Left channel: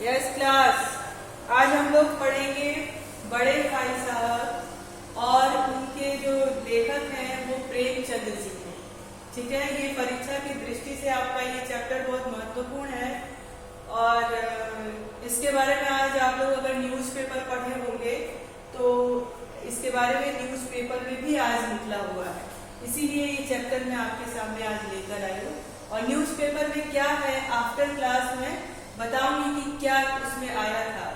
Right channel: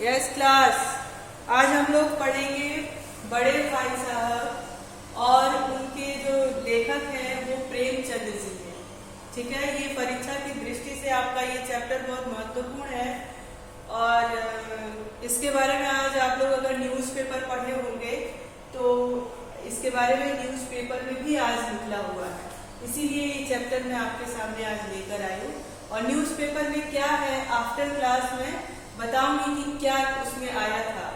Yes class, आज हम लोग पढ़ेंगे बड़े भाई साहब और उनके जो लेखक हैं वो प्रेमचंद जी हैं। ठीक है, ये परीक्षा की दृष्टि से आपका ये चैप्टर बहुत महत्वपूर्ण है और इसके बारे में आज आप लोग अगर न्यूज़पेपर पढ़े होंगे तो इसके बारे में न्यूज़पेपर में भी आज निकला हुआ है, इसीलिए ये चैप्टर मैं आपके सामने आज लेकर आई हूँ। और न्यूज़पेपर में क्या है आफ्टर क्लास में बताऊंगी कि क्या उसमें आया था।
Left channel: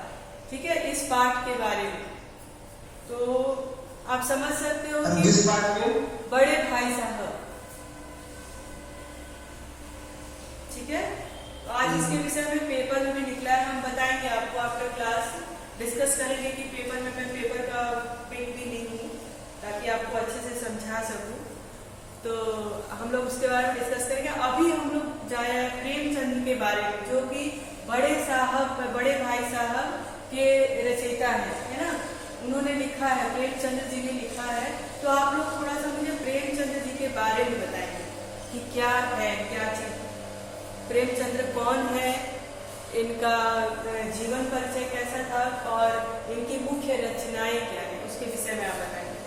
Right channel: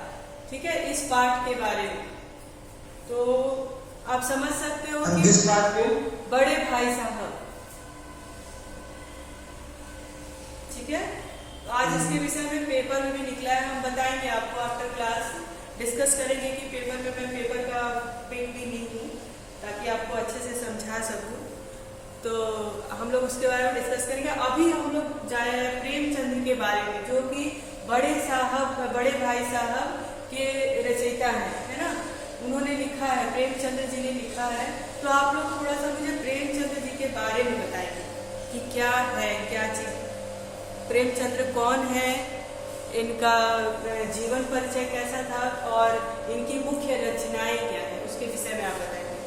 ठीक है, इस पाठ के बारे में तो आप समझ सकते हो कि इस पाठ में बड़े भाई साहब। ठीक है, तो आज इसके विषय में पेपर में भी निकला है, हम बताएंगे आपको आफ्टर क्लास डिस्कस करेंगे कि पेपर में मैं पेपर का पिक भी नहीं हूँ ताकि आपको अच्छे से समझा सकूं, तो हम लोग उसके बारे में डिस्कस करेंगे। अभी हम लोग जाए प्रेमचंद के बारे में जो कि बड़े भाई साहब के रचयिता है ना, उन्होंने लिखा है, प्रेमचंद जी ने लिखा है। तो आप लोग थोड़ा सा मुझे प्रेमचंद जी के बारे में बताएंगे कि क्या है, क्या चीज, प्रेमचंद कौन है, इनका जीवन परिचय कैसा था और इनकी मुख्य रचनाएं क्या है, उसके विषय में आप बताएंगे।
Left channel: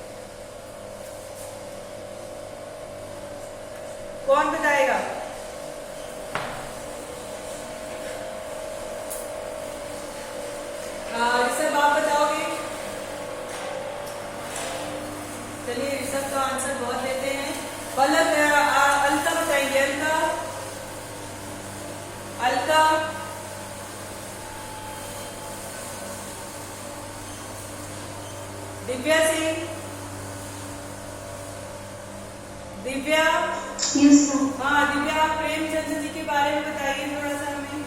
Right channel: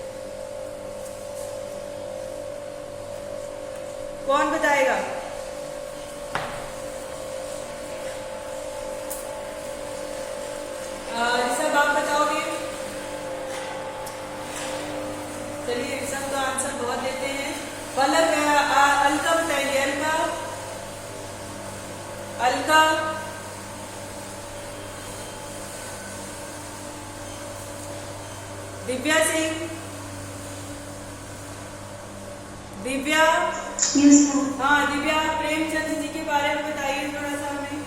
कौन बताएगा? ऋषभ आप बताओगे? चलिए, ऋषभ तो आंसर बहुत देते हैं। पल्लव अलका बताएंगे। अलका दिव्या सिंह, दिव्या। हाँ दिव्या, प्रेमचंद जी के बारे में बताइए थोड़ा सा हमें।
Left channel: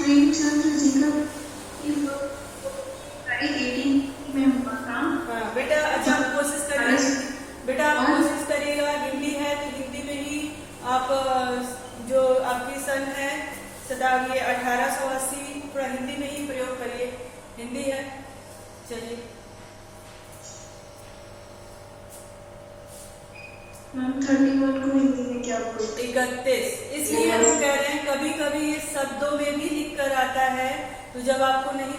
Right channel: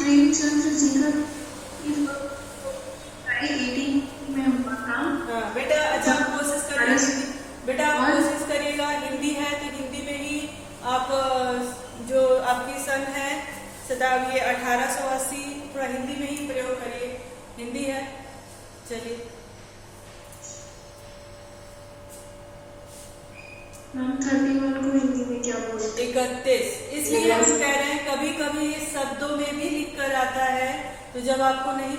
प्रेमचंद जी का 18 में हुआ था। हाँ बेटा, अच्छा आप कोशिश करिए, बेटा आप कोशिश करिएगा, हिंदी है तो हिंदी में ही आप जो आपकी सन है शताब्दी 1880 पूरा हिंदी में ही प्रयोग करिए, हिंदी है। चलिए 31 को हिंदी में क्या बोलते? 31। इसलिए हम कह रहे हैं कभी कभी ये शब्दों में भी लिख कर आता है, तो जब आपको नहीं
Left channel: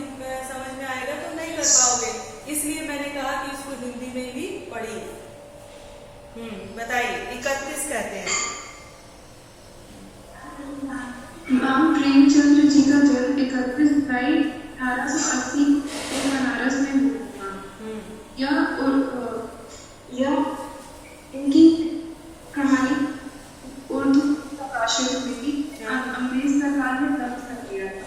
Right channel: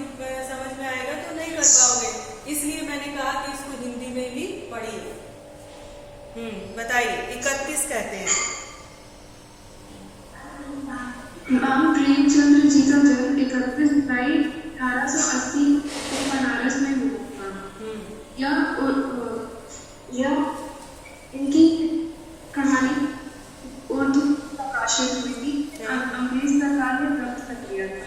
समझ में आएगा तो नहीं कर पाओगे, इसलिए मैंने कहा कि इसको हिंदी में भी पढ़िए। बताइए 31 कहते हैं। प्रेमचंद जी का जन्म 31 जुलाई 1880 को बनारस में हुआ था। यह इनकी कहानी उर्दू प्रकाशन में भी अंग्रेज सरकार ने बंद कर दिया था।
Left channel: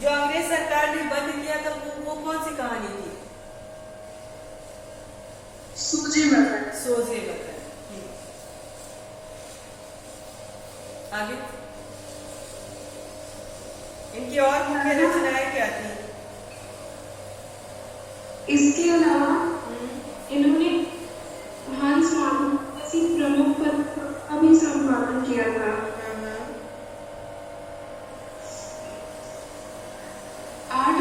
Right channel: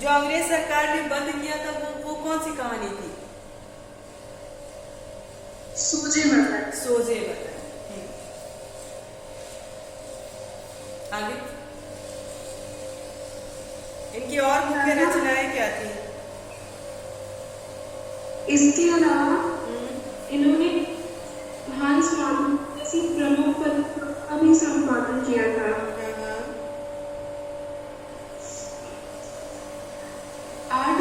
जो अंग्रेज सरकार ने बंद किया था वो कौन सी कहानी थी? सोजे बताए। सोजे बताए। आगे इनकी और मुख्य रचनाएं क्या थी? इसके अलावा इन्होंने हंस माधव जैसी प्रमुख का भी संपादन किया था। 8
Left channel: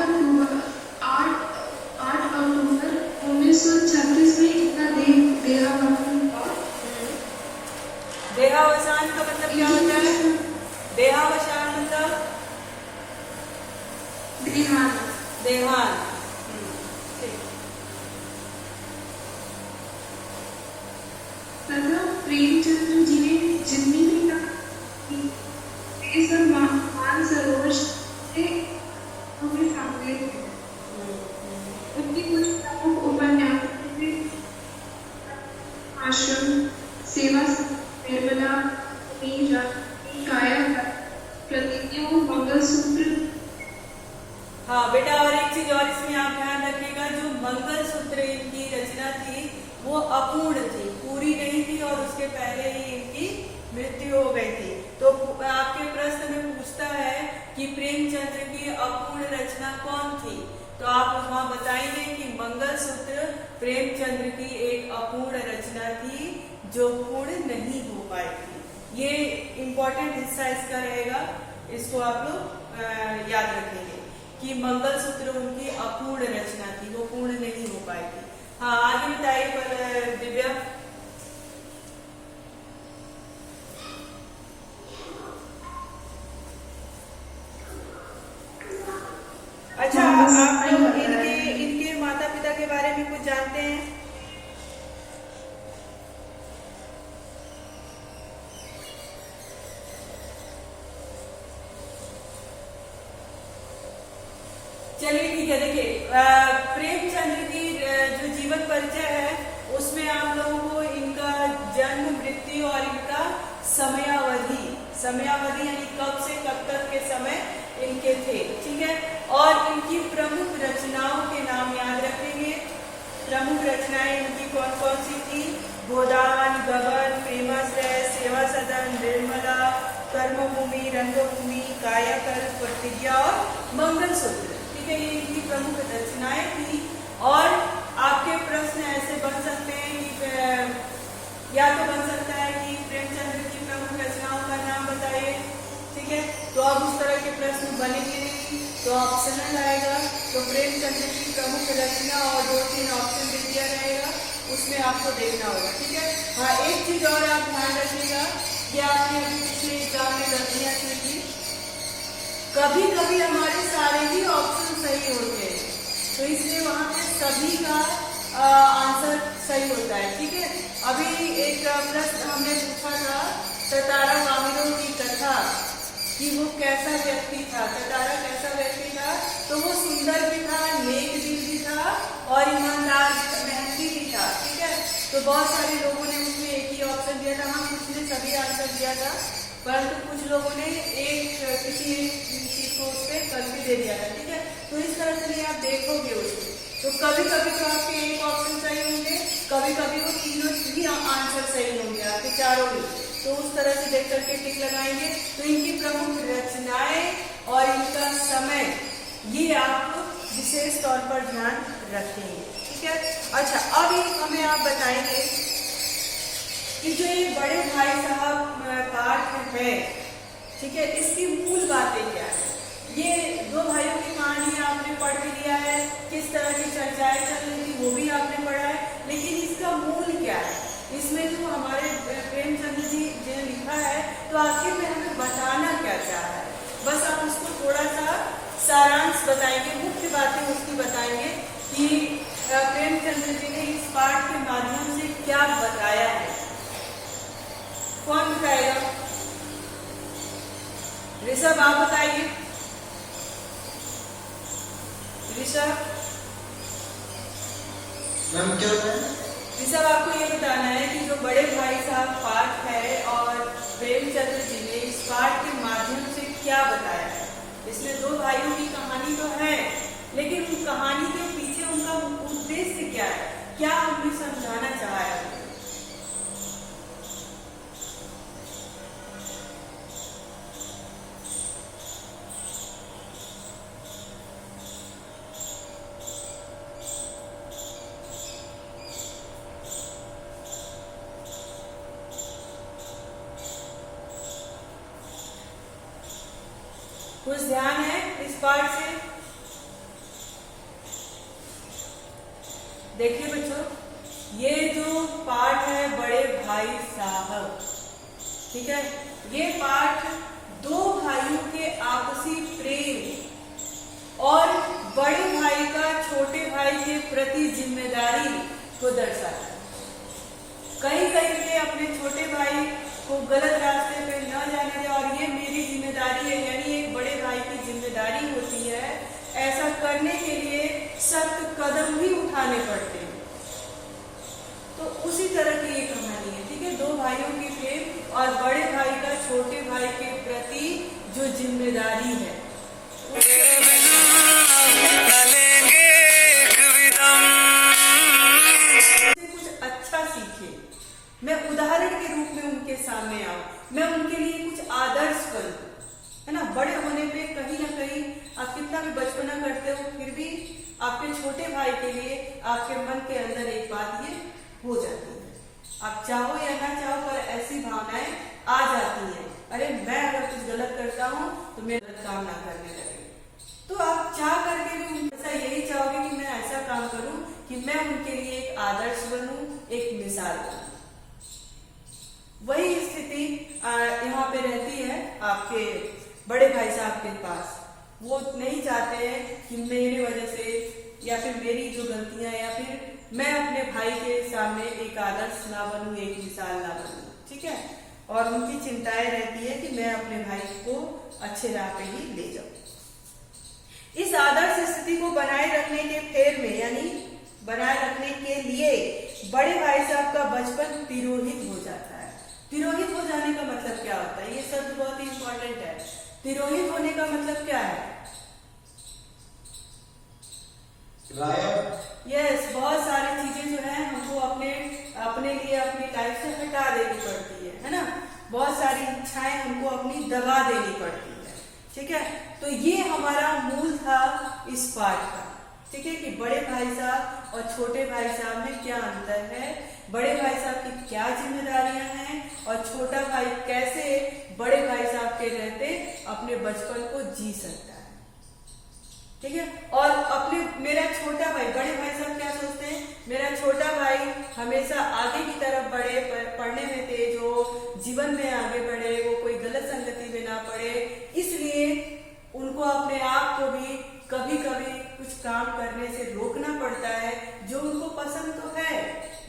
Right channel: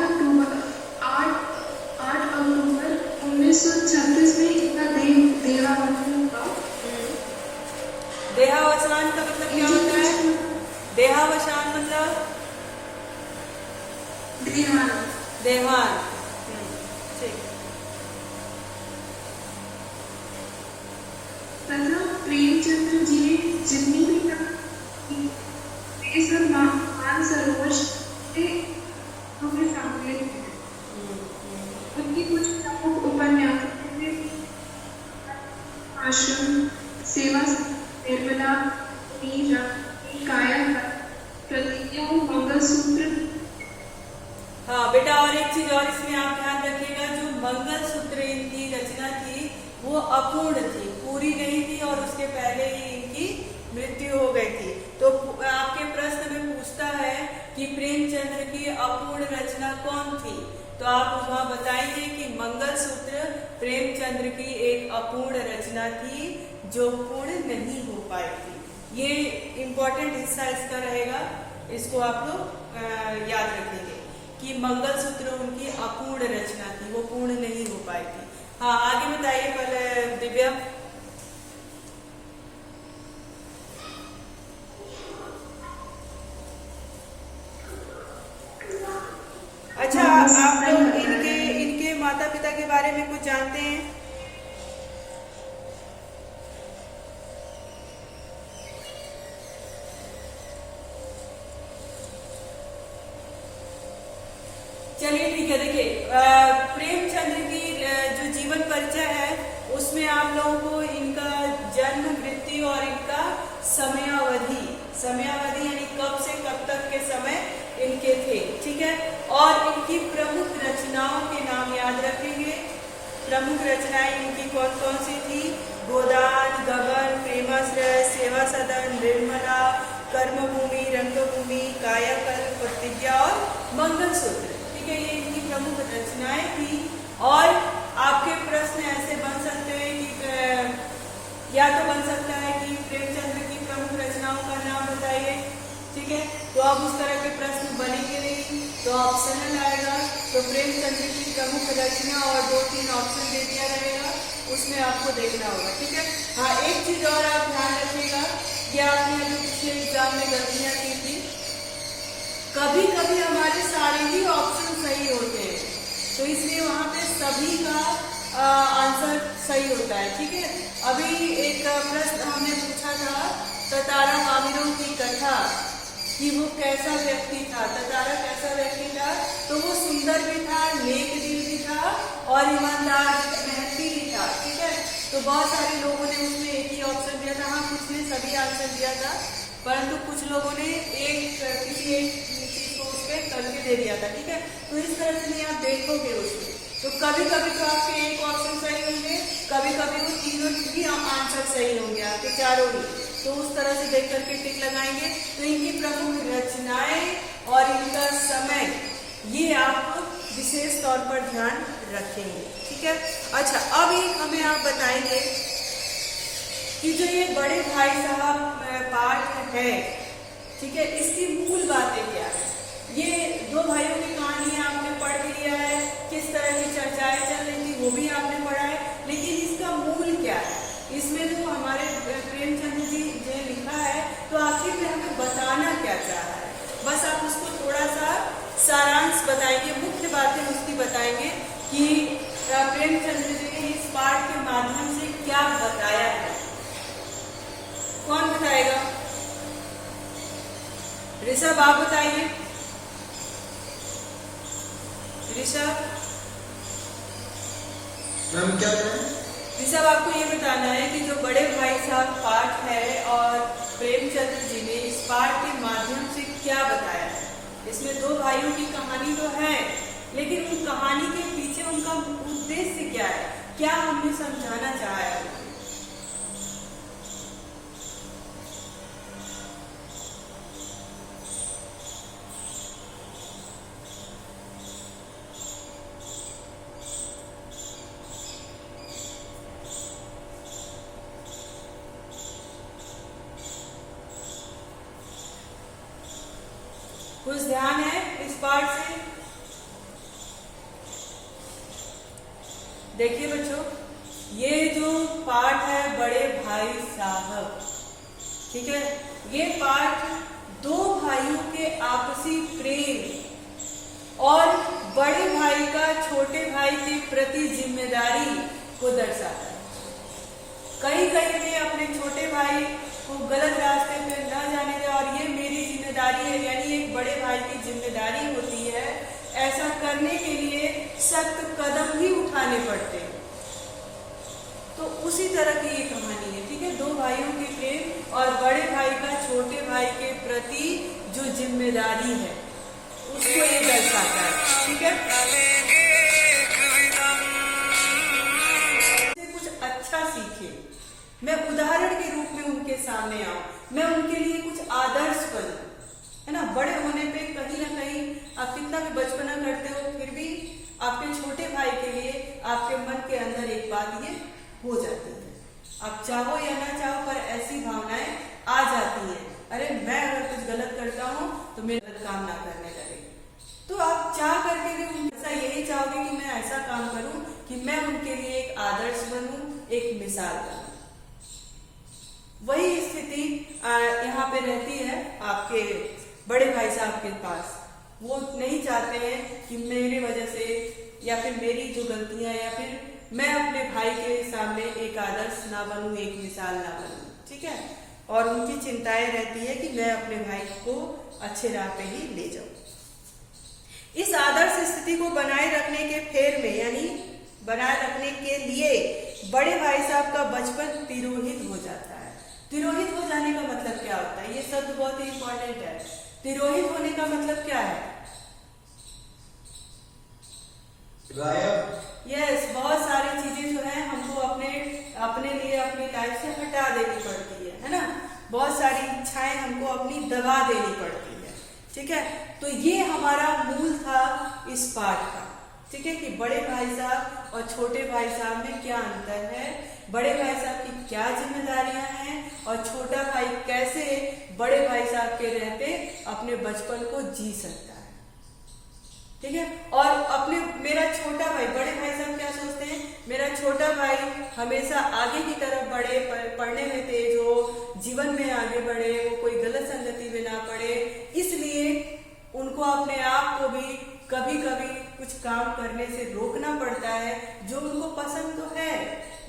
अक्टूबर 1936 में इनका देहावसान हुआ। देहावसान का मतलब क्या होता है? देहावसान मतलब देहान। ठीक। तथा प्रेमचंद जी ने जितनी भी मानसरोवर से हमें सामने उनकी कुछ प्रमुख उपन्यास में आश्रम, सेवा, निर्मला, काया, प्रतिज्ञा, मंगलसूत्र। हाँ बेटा, और एक चीज और इसमें आप ध्यान रखिएगा, जो मंगलसूत्र इनकी रचना थी वो अपूर्ण थी, पूरी नहीं थी और उसके पहले ही इनकी मृत्यु हो गई थी। तो आपके प्रश्न में पूछता है कि प्रेमचंद की अपूर्ण रचना कौन थी, तो आप वहां बताएंगे कि मंगलसूत्र प्रेमचंद की एक अपूर्ण रचना थी जो पूर्ण नहीं हो पाई थी। ये इम्पोर्टेंट हिस्सा इसका रहेगा, इसको आप लोग याद रखेंगे कि मंगलसूत्र उनकी अपूर्ण रचना थी, वो पूर्ण नहीं हो पाई थी। हाँ आगे बताइए पर दिव्या। अच्छा, आप लोग इनके माता पिता के बारे में कुछ जानते हैं? चलिए ठीक है। देखिए, प्रेमचंद्र की जो जीवन परिचय है उसमें आप लोगों को इनका जन्म, मृत्यु और इनका समयावधि यानी कब से कब तक के समय इनके थे, ठीक है। और इनकी प्रमुख रचनाओं के नाम याद रखेंगे। प्रमुख रचनाएं इनकी कौन कौन सी थी? गोदान, गगन, प्रेमाश्रय, सेवा सदन, निर्मला, कर्मभूमि, रंगभूमि, कायाकल्प, प्रतिज्ञा और मंगलसूत्र। ठीक है, ये इनकी प्रमुख रचनाएं थी। और आपके प्रश्न ऐसे बन सकते हैं कि या तो बन सकता है कि प्रेमचंद्र की प्रमुख रचनाओं का नाम बताइए, ठीक है। तो अब उस तरह के प्रश्न बनेंगे नहीं, तो ऑप्शनल आएगा। तो प्रेमचंद्र की प्रमुख रचना और 2-3 ऑप्शन दे दिया रहेगा, उसमें आपको देखना होगा, ठीक है। हाँ, एक चीज और आप ध्यान रखिएगा कि आपने अभी पिछले एग्जाम में गलतियां की थी। कभी कभी हमारे सारे ही ऑप्शन सही होते हैं, तो इसलिए वहां पे सभी का आंसर सही होता है, ठीक है। अभी एक प्रश्न हमने पूछा था तारा कामिरों की कथा कि वो कैसा व्यक्ति था। तारा कैसा व्यक्ति था? तो वो सुंदर भी था, नेक दिल भी था और ईमानदार, मेहनती भी था, ठीक है। तो बहुत सारे लोगों ने उसमें एक ही ऑप्शन दिया था। हाँ, कुछ ने सभी आंसर दिया था, परंतु कुछ लोगों ने किसी एक चीज को उस पर करके दे दिया था, ठीक है। तो इस तरह से नहीं आप देखोगे उसमें, तो कभी कभी तो आपके एक ऑप्शन सही होंगे, कभी कभी वो तीनों ही आंसर सही होंगे, आपके चारों ही। तो उस तरह से देख करके टिक लगाएंगे। तो इनकी प्रमुख रचनाएं और इनका समय, ये आप विशेष तौर पर ध्यान रखेंगे, ठीक है। अच्छा, अब एक हमें आप बताएंगे कि जो ये बड़े भाई साहब पाठ है, ठीक है, इसकी मूल बातें क्या है? ये दो भाइयों की कहानी आपने पढ़ भी लिया है, किस तरह की चर्चाएं चल रही थी वो भी आपने पढ़ा है, लेकिन इसका मूल क्या है? इसमें जो हमारे प्रेमचंद्र जी ने लिखा है, तो आखिर में हमें बताना क्या चाह रहा है? बस आप उसको थोड़ा सा सारांश बताएंगे, मुख्य बातें उसकी बताएंगे कि प्रेमचंद्र जी ने इस पाठ के माध्यम से क्या बताया है। कौन बताएगा? ऋषभ, आप बताइए। ऋषभ, आपको ये बताना है कि जो बड़े भाई साहब पाठ है और प्रेमचंद्र जी ने इस पाठ के माध्यम से क्या बताया है। इसमें दो भाइयों की कहानी तो है, लेकिन उन कहानी के पीछे उनका उद्देश्य क्या है, क्या हमने समझाना चाहा है? कुछ ध्यान है इस पाठ से? देखिए बच्चों, ये जो पाठ है बड़े भाई साहब, ठीक है, ये पाठ दो भाइयों के आपसी प्रेम और बड़े भाई का छोटे भाई के प्रति जिम्मेदारी को दर्शाता है। कहीं वे अपने छोटे भाई को गलत रास्ते पे न जाने दे, और ये मेरी जिम्मेदारी है, यानी एक बड़े भाई की जिम्मेदारी होती है। ऐसा करने के लिए सख्त कदम भी उठाने पड़ते हैं। तो उसी तरह की ये कहानी है, ठीक है। दो भाइयों के प्रेम और बड़े भाई का छोटे भाई के प्रति जो जिम्मेदारी है उसको ये दर्शाता है, ठीक है। कुछ अच्छा सीखे, मैं उदाहरण के रूप में उनके सामने आऊं, मैं उनके लिए कुछ आदर्श बनूं, है ना। बड़े होने पे कहीं ना कहीं आप कितना भी बचपना करते हो, फिर भी आपके छोटे भाई के लिए आपके मन के अंदर एक बात ये हो जाती है, आप चाहो या ना चाहो पर ऐसी भावनाएं आ जाती हैं, अरे मैं अगर कुछ गलत करता हूँ तो मेरे गलत काम ना करने लगे। तो आप चाह करके भी ऐसा यही चाहोगे कि मैं ऐसा काम करूं कि मैं उनके लिए एक आदर्श बनूं, एक मिसाल बनूं। वही स्थिति यहाँ पे रहती है आपके बड़े भाई साहब के पास। वो नहीं चाहते हैं कि मेरे वजह से या फिर मेरी जो गलतियां या फिर मैं अपने भाई के सामने एक आदर्श ना बनूं, एक मिसाल ना बनूं, ठीक है। और उनकी चिंताएं रहती है कि मैं अपने भाई को अच्छे राह पे ही ले जाऊं। इस आदर्श स्थिति को बनाए रखने के फेर में यानी बनाए रखने के लिए बड़े भाई साहब का बचपन तिरोहित हो जाता है। तिरोहित हो जाने का मतलब क्या होता है? ये शब्द बहुत ही इंपॉर्टेंट है। तिरोहित होने का मतलब क्या है? यस, बहुत सारी चीजें जो है हमको अपने लिए अपनी लाइफ से हटा देनी पड़ती है ना। बहुत सारी इच्छाएं हमको अपनी दबा देनी पड़ती है, ठीक है। तो ये हमारा मूल था इस पाठ का, ठीक है, कि बड़े भाई साहब और छोटे भाई साहब में क्या अंतर है, बड़े भाई साहब की क्या जिम्मेदारियां हैं और छोटा भाई कैसे बड़े भाई साहब के रहते अपने बचपन को जी सकता है, ठीक है। और अपने मेरा छोटा भाई, बड़े भाई साहब क्या सोचते हैं, मेरा छोटा भाई हमेशा आगे की तरफ बढ़े, पढ़ने में तेज हो, जीवन में आगे बढ़े, वो कोई गलत संगति में ना पड़े, इसलिए उनको अपने आप को भी कभी कभी कुछ काम करने से रोकना पड़ता है जो उनको पसंद तो है,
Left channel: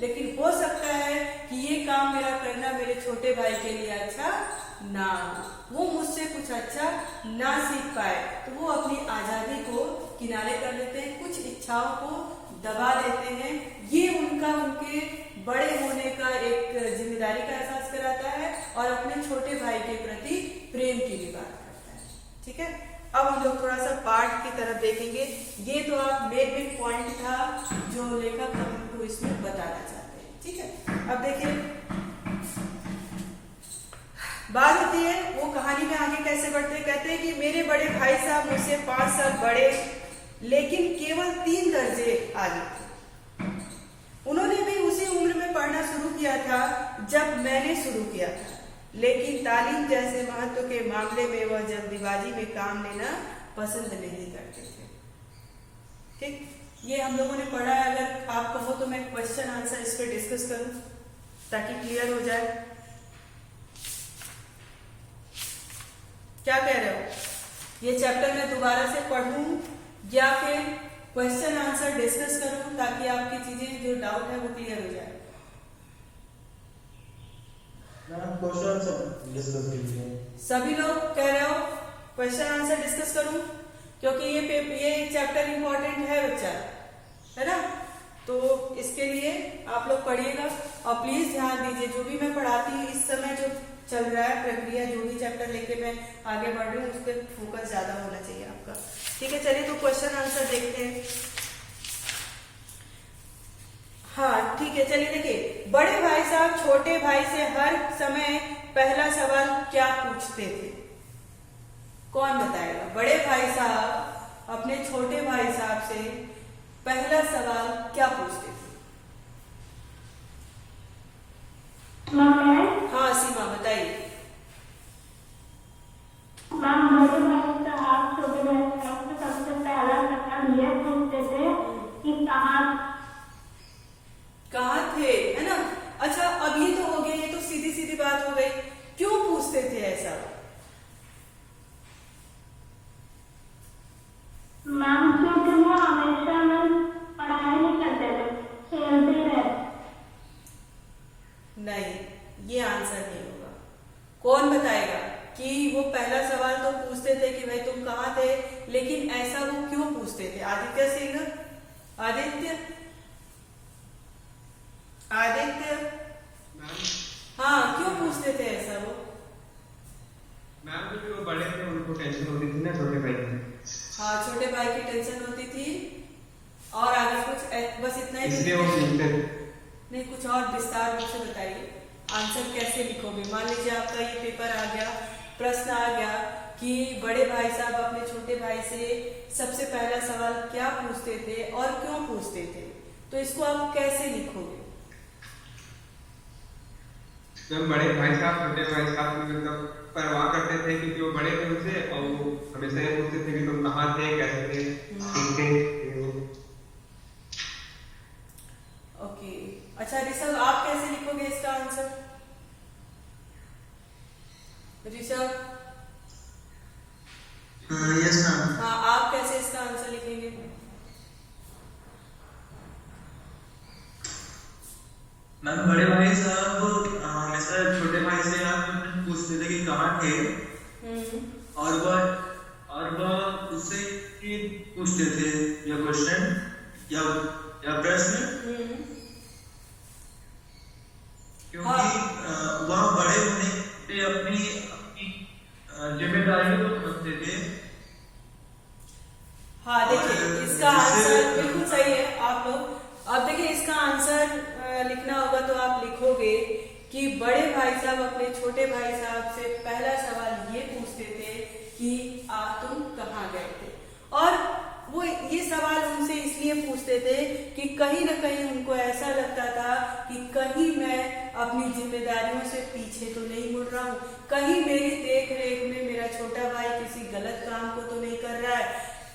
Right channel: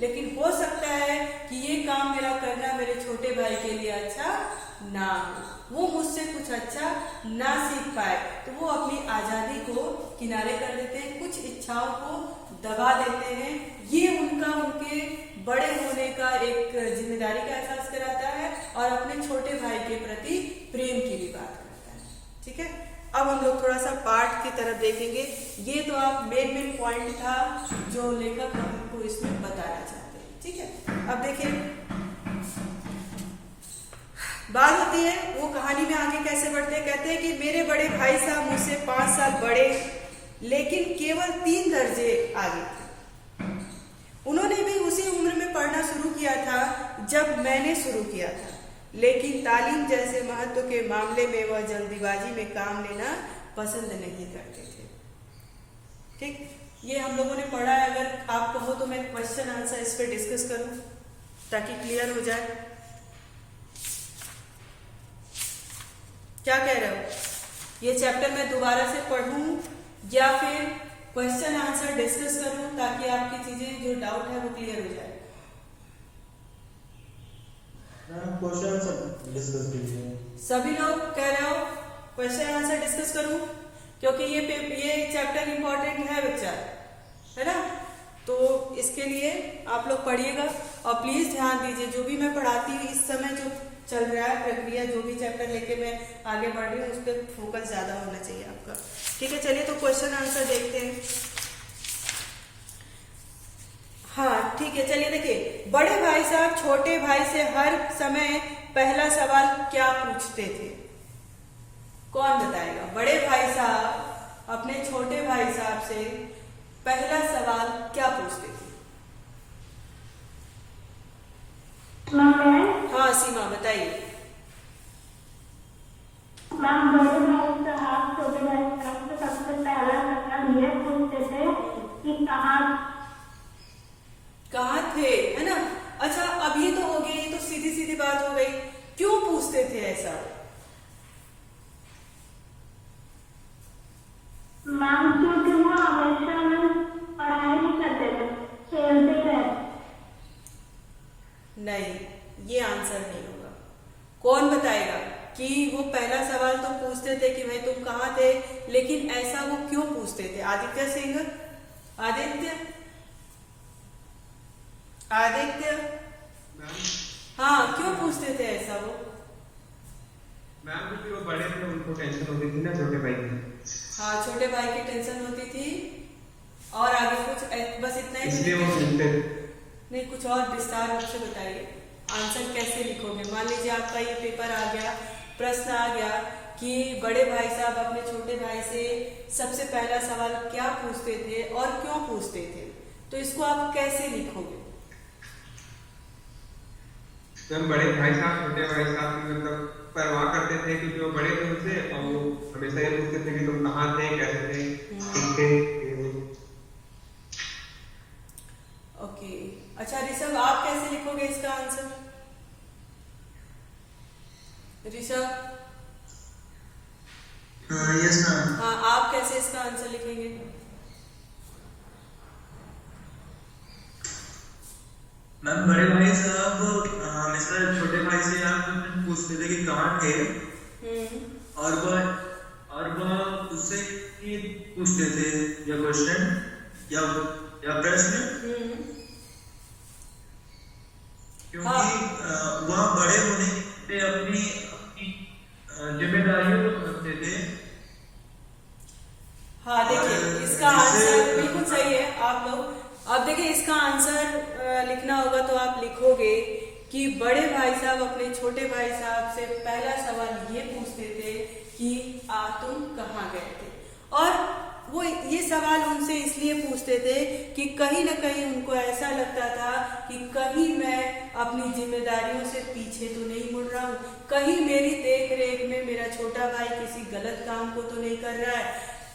लेकिन हो सकता है कि ये काम मेरा करना मेरे छोटे भाई के लिए अच्छा ना हो, वो मुझसे कुछ अच्छा ना सीख पाए, तो वो अपनी आजादी को किनारे कर देते हैं, कुछ इच्छाओं को दबा देते हैं। ये उनके बड़े होने का एक जिम्मेदारी का एहसास कराता है और अपने छोटे भाई के प्रति प्रेम की भी बात करता है, ठीक है। अब हम लोग थोड़ा सा पाठ की तरफ देखेंगे। ये तो आप मेन पॉइंट था जो लेखक हमको इसमें बताना चाहते हैं, ठीक है। अब देखिए बात होती है, वो कहानी में आगे कैसे बढ़ते हैं, कहते हैं कि मेरे बड़े भाई साहब मुझसे 5 साल बड़े लेकिन केवल 3 दर्जे आगे थे। उन्होंने भी उसी उम्र में पढ़ना शुरू किया था जब मैंने शुरू किया था, लेकिन तालीम जैसे महत्व के मामले में वह जल्दीबाजी में काम लेना पसंद नहीं करते थे, ठीक। ये हम लोगों ने पढ़ा है। अगर आप कहो तो मैं क्वेश्चन आंसर इस पर डिस्कस करूं ताकि क्लियर हो जाए। क्या कह रहे हो? ये चैप्टर मैं दोबारा से पढ़ूं या फिर क्वेश्चन आंसर डिस्कस करूं ताकि आपकी चीजें जो डाउट है वो क्लियर हो जाए? सभी लोग कह रहे हो क्वेश्चन आंसर डिस्कस करूं, क्योंकि ये चैप्टर इंपॉर्टेंट है बच्चा, है ना। तो इसके लिए आप लोग पढ़िएगा और प्लीज ध्यान दीजिए, जो भी मैं पढ़ाती हूँ इस समय जो चल रहा है प्रक्रिया, जो भी चैप्टर लेके मैं आगे बढ़ रही हूँ उस पर फोकस ज्यादा होना चाहिए आपका, ठीक है। चलिए तो क्वेश्चन आंसर देखते हैं। हाँ ठीक है, चलिए देखिए, बड़े भाई साहब छोटे भाई से हर समय पहला सवाल क्या पूछते थे? कौन बताएगा? बड़े भाई साहब अपने छोटे भाई साहब से पहला सवाल क्या पूछते थे? हाँ सीमा बताइए। बड़े भाई साहब छोटे भाई साहब से सबसे पहला सवाल ये पूछते थे कि कहाँ थे, है ना। अच्छा अब ये तो हो गया, ये तो सीधी सीधी बात हो गई, क्यों पूछते थे ऐसा? क्योंकि वो हमेशा पढ़ाई नहीं करते थे, खेलते रहे। नहीं, ये आंसर नहीं होगा। कौन बताएगा कि वो पहला सवाल तो पूछते थे कि भाई तुम कहाँ थे, लेकिन ऐसा वो क्यों पूछते थे? आदित्य सिंह, आदित्य हाँ क्यों पूछते थे ऐसा वो? मैम क्योंकि वो बड़े थे, उनको टेंशन होती थी ना छोटे भाई की। हाँ छोटे भाई की टेंशन होती थी और आगे कुछ बस इतना ही, इसलिए वो सीखते थे। नहीं कुछ और विस्तार रूप से बताइए। आंसर कैसे लिखोगे? मान लीजिए आपका ये पेपर आ गया, प्रश्न आ गया कि बड़े भाई साहब अपने छोटे भाई से सबसे पहला सवाल क्या पूछते थे और क्यों पूछते थे, तो इसको आप कैसे लिखोगे? तो बड़े भाई साहब छोटे भाई साहब की मतलब परवाह करते थे क्योंकि वो बड़े थे उनसे, और वो हमेशा ये पूछते थे कि तुम कहाँ थे, कैसे थे, ठीक थे। ओके अच्छा ऋषभ आप कैसे लिखोगे इसका आंसर? Rishabh yes ma'am. हाँ, आप कैसे इसका आंसर लिखेंगे? मैम बड़े भाई साहब हमेशा छोटे भाई से आप पूछते थे कि कहाँ थे, और वह उससे ही पूछते थे यह क्वेश्चन या प्रश्न, क्योंकि वह बड़े होने पे अपनी जिम्मेदारियों को समझते थे। हाँ, देखिए इसका आंसर बिल्कुल सही है। आप अब देखिए इसका आंसर लिखना होगा तो आप लिखोगे कि बड़े भाई साहब अपने छोटे भाई साहब से पहला सवाल ये पूछते थे कि तुम कहाँ गए थे, और वो ये सवाल उनसे इसलिए पूछते थे कि कहीं न कहीं उनको ऐसा लगता था कि कहीं मैं अपनी जिम्मेदारियों से पीछे तो नहीं मुड़ रहा हूँ, कहीं मेरी देख रेख में मेरा छोटा भाई किसी गलत काम को तो नहीं कर रहा है,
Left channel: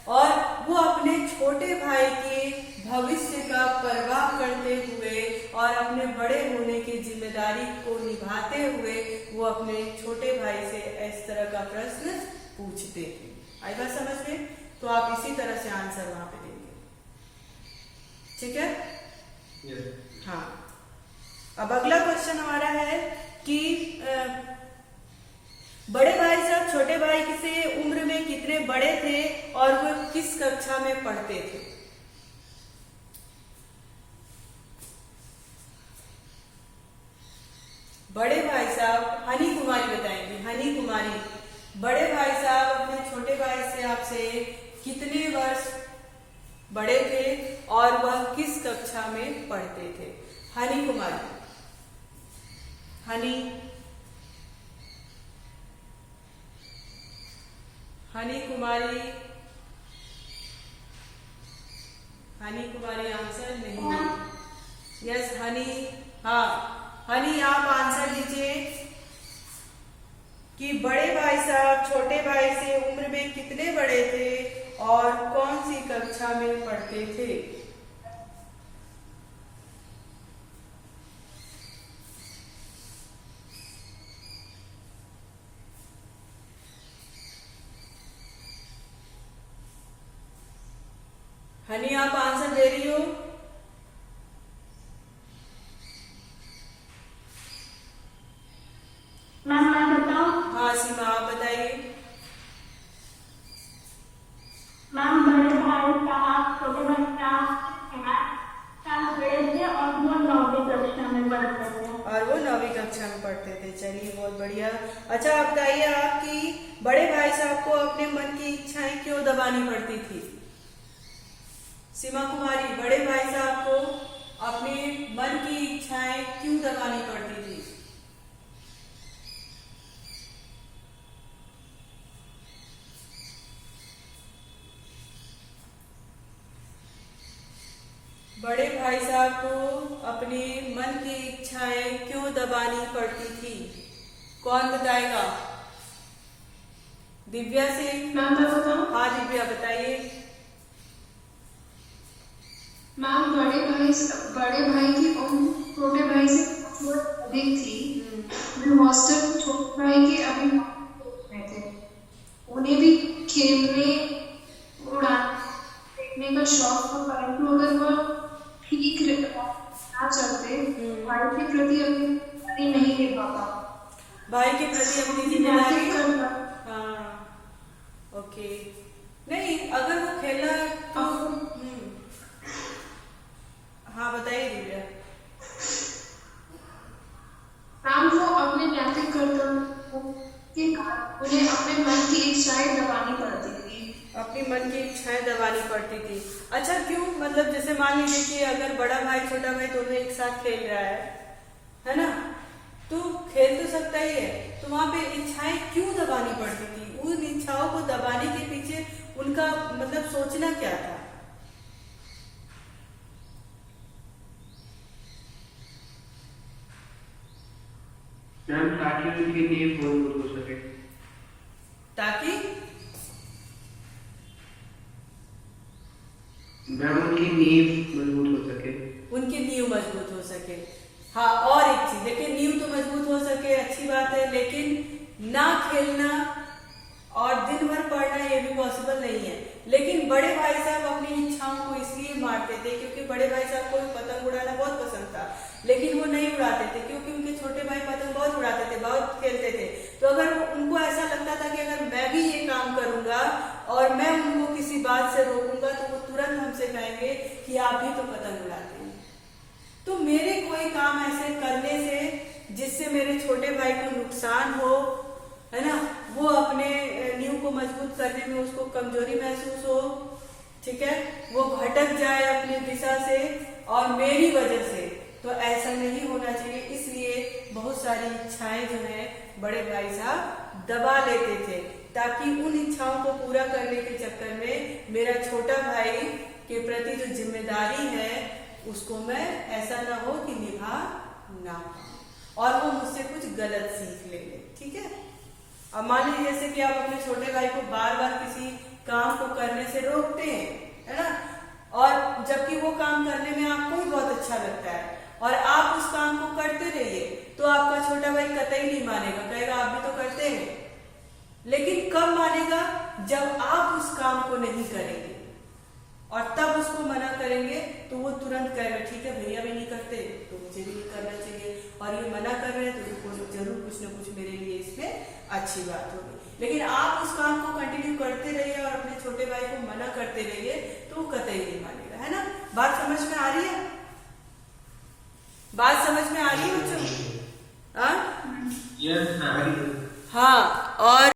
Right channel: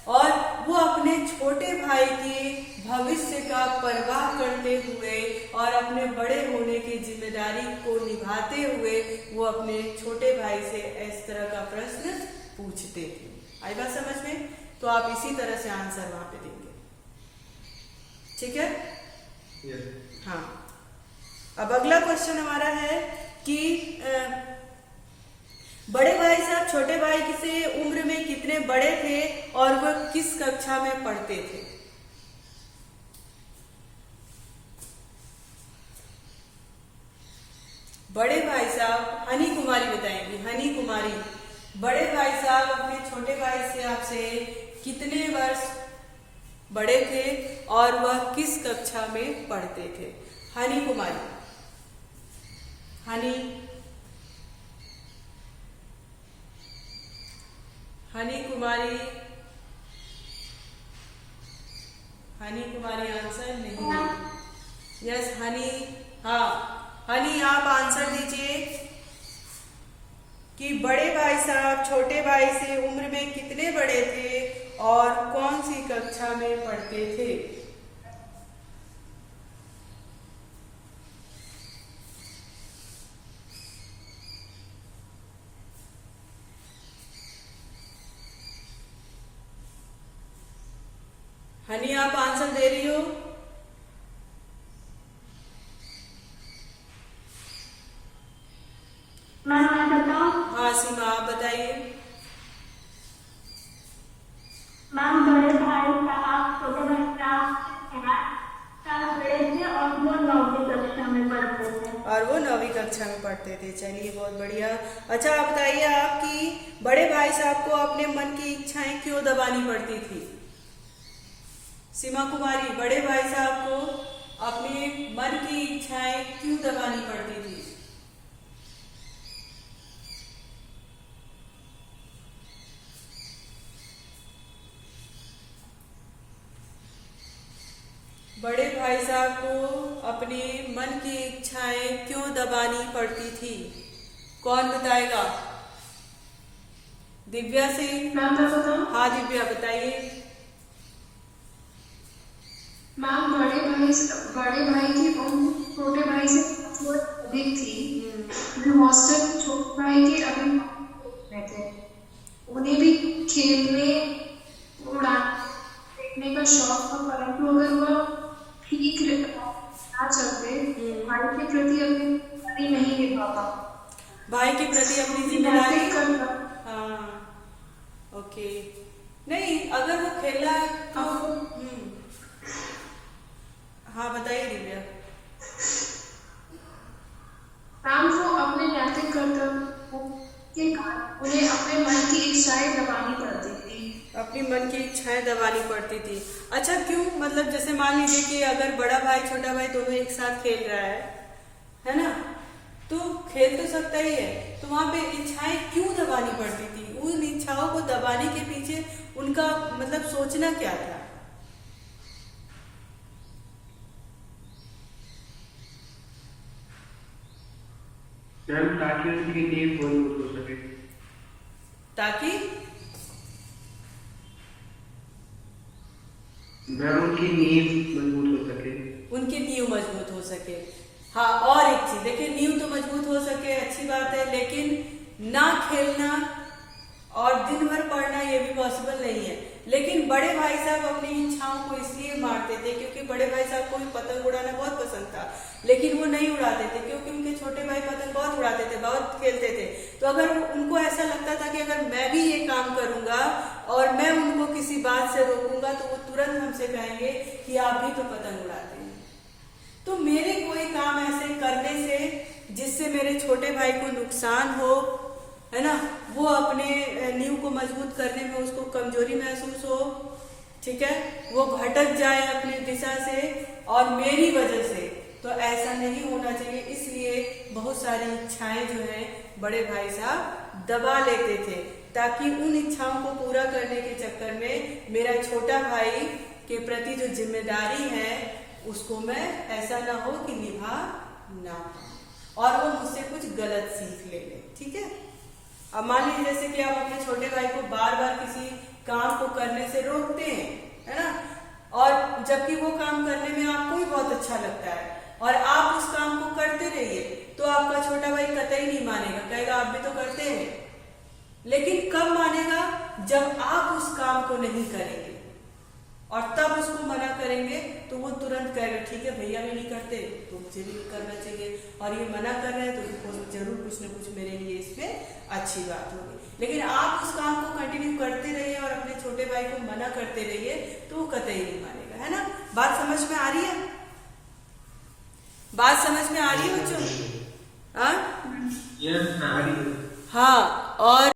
और वो अपने छोटे भाई के भविष्य का परवाह करते हुए और अपने बड़े होने की जिम्मेदारी को निभाते हुए वो अपने छोटे भाई से इस तरह का प्रश्न पूछते थे। आई बात समझ में? तो आप इसी तरह से आंसर वहां पे देंगे, ठीक है? हाँ, अब अगला क्वेश्चन हमारा है कि बड़े भाई साहब छोटे भाई से उम्र में कितने बड़े थे और वह किस कक्षा में पढ़ते थे? बड़े भाई साहब, हनी कुमारी बताएंगे। हनी कुमारी, बड़े भाई साहब अपने छोटे भाई से आपसे कितने वर्ष बड़े थे और वह किस कक्षा में पढ़ते थे? हनी कुमारी, हनी कुमारी, हनी कुमारी आंसर नहीं है। यस हनी, हाँ हनी आप आंसर दीजिए कि बड़े भाई साहब छोटे भाई से उम्र में कितने बड़े थे और कौन सी कक्षा में पढ़ते थे? हनी आप आंसर दे रही हो? मैं बताऊं? हाँ सीमा आप बताइए। मैम बड़े भाई साहब छोटे भाई साहब बड़े थे और वो 9वीं कक्षा में पढ़ते थे। और वो 9वीं कक्षा में पढ़ते थे। चलिए बहुत बढ़िया। अच्छा आप बताइए, आपकी बड़े भाई साहब को अपने मन की इच्छाएं क्यों दबानी पड़ती थी? सीमा कुमारी, बड़े भाई साहब को अपने मन की इच्छाएं क्यों दबानी पड़ती थी? बड़े भाई साहब को अपने मन की इच्छाएं क्यों दबानी पड़ती थी? कौन बताएगा? दिव्या सिंह। हाँ दिव्या बताइए। मैम बड़े भाई की उम्र छोटे भाई से थोड़ी अधिक थी। हॉस्टल छोटे भाई के अभी थे, उन्हें भी खेलने उड़ाने का शौक था, परंतु अगर वह ठीक ना चलते भाई के प्रति अपनी नहीं ले पाता। भाई के प्रति अपनी जिम्मेदारी, हाँ ओके। नहीं अगर वो खेलना है तो हाँ बताइए दिव्या। मैम वो अपने नैतिक कर्तव्य के कारण उन्हें अपने मन की इच्छाएं दबानी पड़ती थी। अपनी मन की इच्छाएं दबानी पड़ती थी। अच्छा क्यों? मतलब जैसे मान लीजिए कि अगर बड़ा भाई छोटा भाई दोनों एक साथ खेल रहा है ना, तो खेल तो सकता ही है, तो वहां पे इच्छाएं क्यों दबानी पड़ती थी? उन इच्छाओं को दबाने के पीछे उनका मतलब सोचना क्या था? ताकि उनकी नींव मजबूत हो सके। ताकि उनकी नींव मजबूत हो सके। उनकी नींव मजबूत हो सके। हाँ और एक चीज देखिए, नींव तो मजबूत हो सके अच्छी बात है, लेकिन ना खेलना और दिन भर पढ़ना ये भी पॉसिबल नहीं है। लेकिन बड़े भाई साहब अपनी इच्छाओं को इसलिए मारते थे क्योंकि बड़े भाई साहब को पतंग उड़ाना बहुत पसंद था, लेकिन वो नहीं उड़ाते थे क्योंकि उनके छोटे भाई पतंग बहुत उड़ाते थे, बहुत खेलते थे। तो अगर उनको ऐसा लगता था कि अगर मैं भी ये काम करूंगा और मैं उनको किसी बात से रोकूंगा तो वो तुरंत हमसे कहेंगे कि आप भी तो पतंग उड़ाते हैं। तो मेरे कोई काम ऐसे करने से जिससे मेरे छोटे भाई को नुकसान हो, है ना, वो अपने नींव को मजबूत करने में उसको कमजोरी महसूस हो, ठीक है, वो भटक जाए अपनी दिशा से और मेरी वजह से, तो ऐसा नहीं होना चाहिए। इसलिए बहुत सारी इच्छाएं जो है बड़े भाई साहब दबा लेते थे ताकि उन इच्छाओं को पूरा करने के चक्कर में मेरा छोटा भाई के प्रति जो जिम्मेदारी है उसको मैं ऐसा ना हो कि निभा ना पाऊं और वो मुझसे कुछ गलत सीख ले, ठीक है। अब मान लीजिए जैसे कि आप अपने छोटे भाई को बार बार किसी काम को करने से रोकते हैं, है ना, और जबकि वो काम करने में आपको भी बहुत अच्छा लगता है और आप उस काम को करते रहिए, तो आपका छोटा भाई कतई नहीं मानेगा, कहेगा आप भी तो करते हैं। लेकिन कब मानेगा? जब आप उस काम को नहीं करेंगे और तब उसको मना करेंगे तो वो तुरंत कहेगा ठीक है भैया भी नहीं करते तो मुझे भी करना चाहिए, और ये मना कर रहे हैं तो जरूर कुछ ना कुछ मेरे लिए इसमें अच्छी बात होगी। लेकिन आप उस काम को कंटिन्यू करते रहिए और अपने छोटे भाई को मना करते रहिए तो वो कतई नहीं मानेगा, है ना। बात समझ में आ रही है? बात समझ में आ रही है बच्चों? हाँ, और